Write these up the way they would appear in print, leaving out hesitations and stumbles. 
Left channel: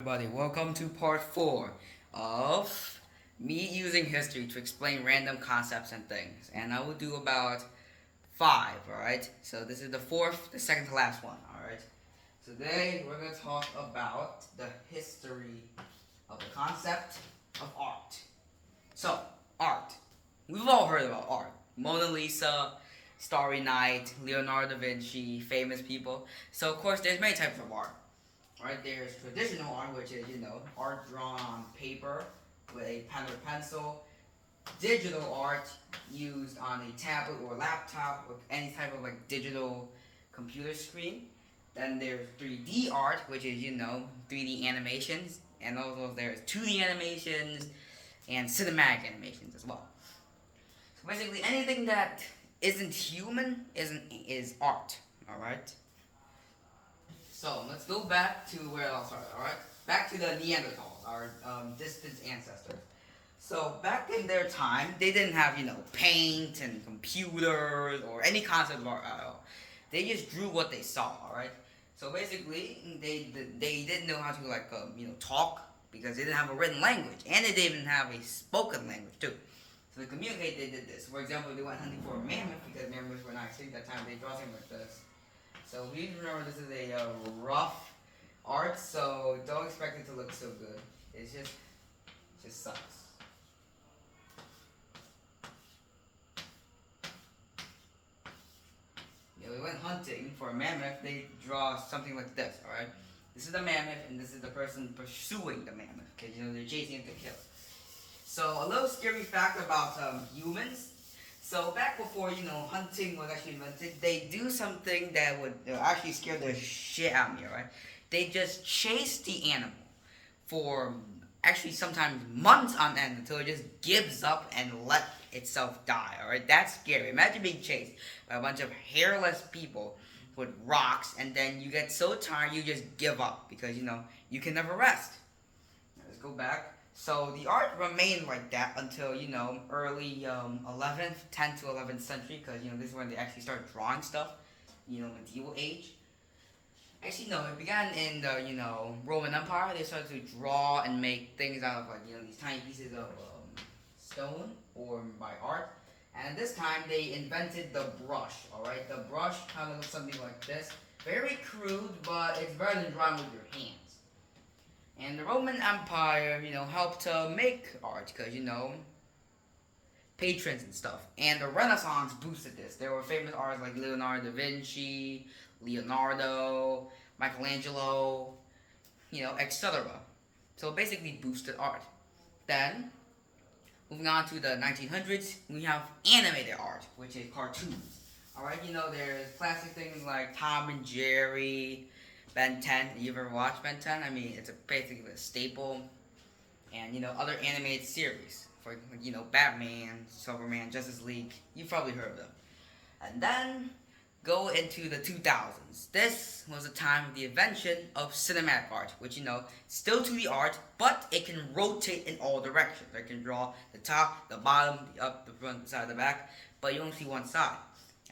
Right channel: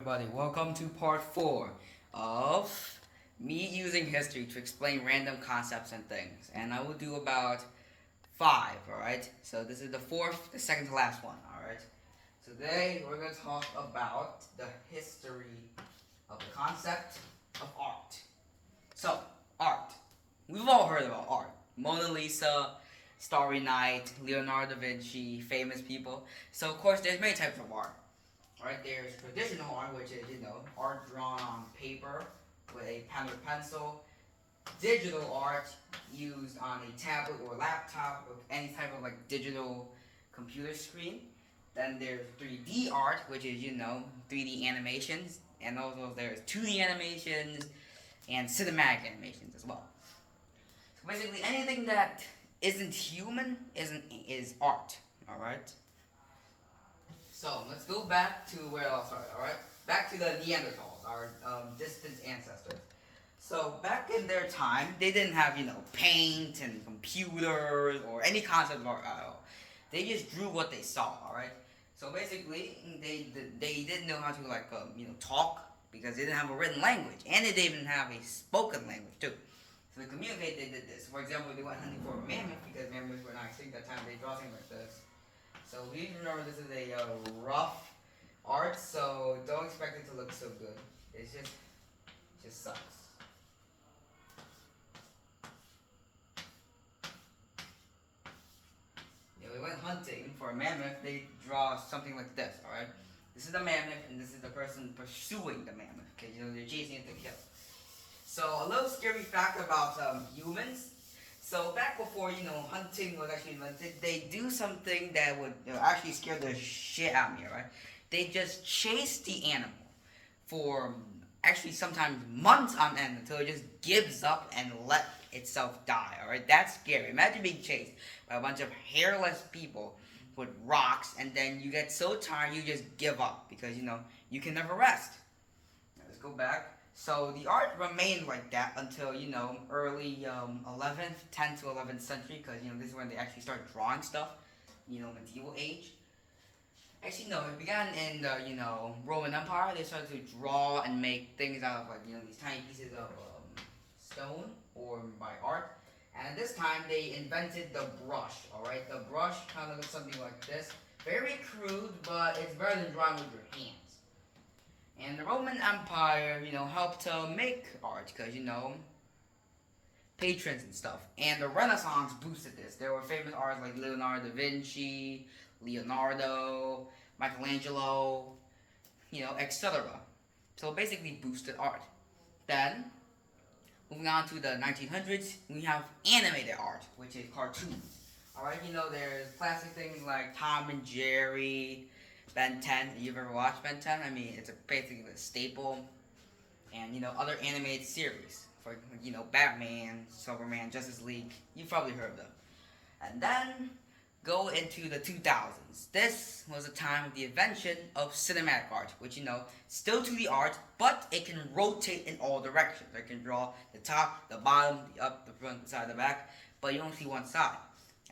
Everybody, welcome to part 4 of me using history to explain random concepts and things. And I will do about 5, alright? So this is the second to last one, alright? Today we're going to talk about the history of the concept of art. So, art. We've all heard about art. Mona Lisa, Starry Night, Leonardo da Vinci, famous people. So of course there's many types of art. Right, there's traditional art, which is, art drawn on paper with a pen or pencil. Digital art used on a tablet or laptop or any type of digital computer screen. Then there's 3D art, which is, 3D animations. And also there's 2D animations and cinematic animations as well. So basically anything that isn't human is art, alright? So let's go back to where I'll start, alright? Back to the Neanderthals, our distant ancestors. So back in their time, they didn't have, paint and computers or any concept of art at all. They just drew what they saw, alright? So basically, they didn't know how to talk because they didn't have a written language, and they didn't even have a spoken language too. So to communicate, they did this. For example, they went hunting for a mammoth because mammoths were not extinct at that time. They draw things like this. So please remember this is a rough art, so don't expect it to look so good. It just sucks. We went hunting for a mammoth. They draw something like this. All right, this is the mammoth, and this is the person pursuing the mammoth. Okay, they're chasing it to kill. So a little scary fact about humans. So back before, hunting was actually invented, they do something that would actually scare the shit out of me, right? They just chase the animal for actually sometimes months on end until it just gives up and let itself die, alright? That's scary. Imagine being chased by a bunch of hairless people with rocks, and then you get so tired you just give up because, you can never rest. Now, let's go back. So the art remained like that until, early 11th, 10th to 11th century, because, this is when they actually started drawing stuff, medieval age. Actually, no, it began in the, Roman Empire. They started to draw and make things out of, these tiny pieces of stone or by art. And at this time, they invented the brush, alright? The brush kind of looks something like this. Very crude, but it's better than drawing with your hands. And the Roman Empire, helped to make art because, patrons and stuff. And the Renaissance boosted this. There were famous artists like Leonardo da Vinci, Leonardo, Michelangelo, etc. So basically boosted art. Then, moving on to the 1900s, we have animated art, which is cartoons. Alright, there's classic things like Tom and Jerry, Ben 10. You ever watched Ben 10? I mean, it's basically a staple. And, other animated series. For, Batman, Superman, Justice League. You've probably heard of them. And then, go into the 2000s. This was a time of the invention of cinematic art. Which, still 2D art, but it can rotate in all directions. It can draw the top, the bottom, the up, the front, the side, the back. But you only see one side.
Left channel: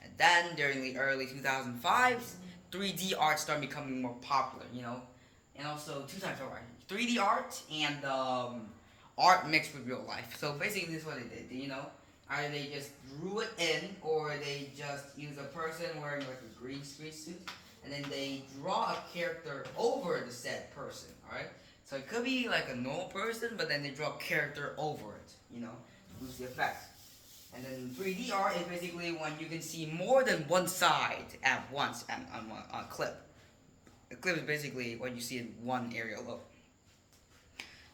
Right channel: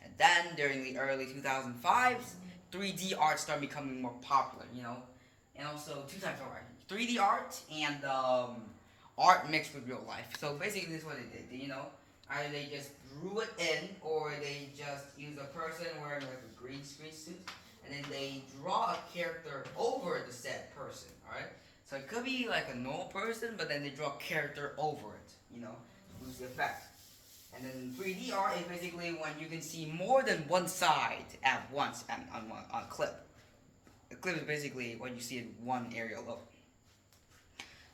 And then, during the early 2005s, 3D art started becoming more popular, and also 2 types of art: 3D art and art mixed with real life. So basically, this is what they did. Either they just drew it in, or they just use a person wearing a green screen suit, and then they draw a character over the said person. All right. So it could be like a normal person, but then they draw a character over it, to boost the effect. And then 3D art is basically when you can see more than one side at once on a clip. A clip is basically what you see in one area alone.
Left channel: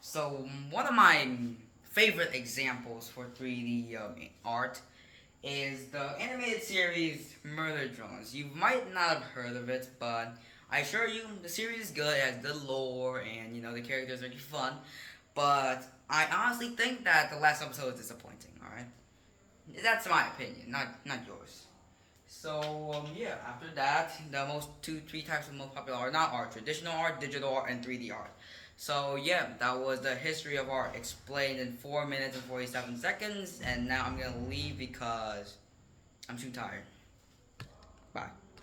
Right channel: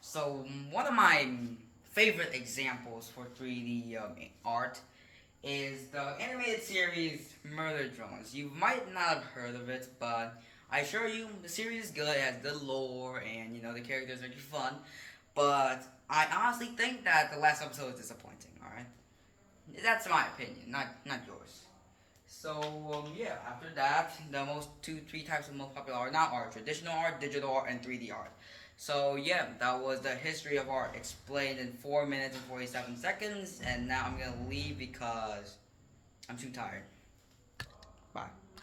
So one of my favorite examples for 3D art is the animated series Murder Drones. You might not have heard of it, but I assure you the series is good. It has good lore and the characters are really fun. But I honestly think that the last episode is disappointing. All right. That's my opinion, not yours. So yeah, after that, the most 3 types of most popular art, not art, traditional art, digital art, and 3D art. So yeah, that was the history of art explained in 4 minutes and 47 seconds. And now I'm gonna leave because I'm too tired. Bye.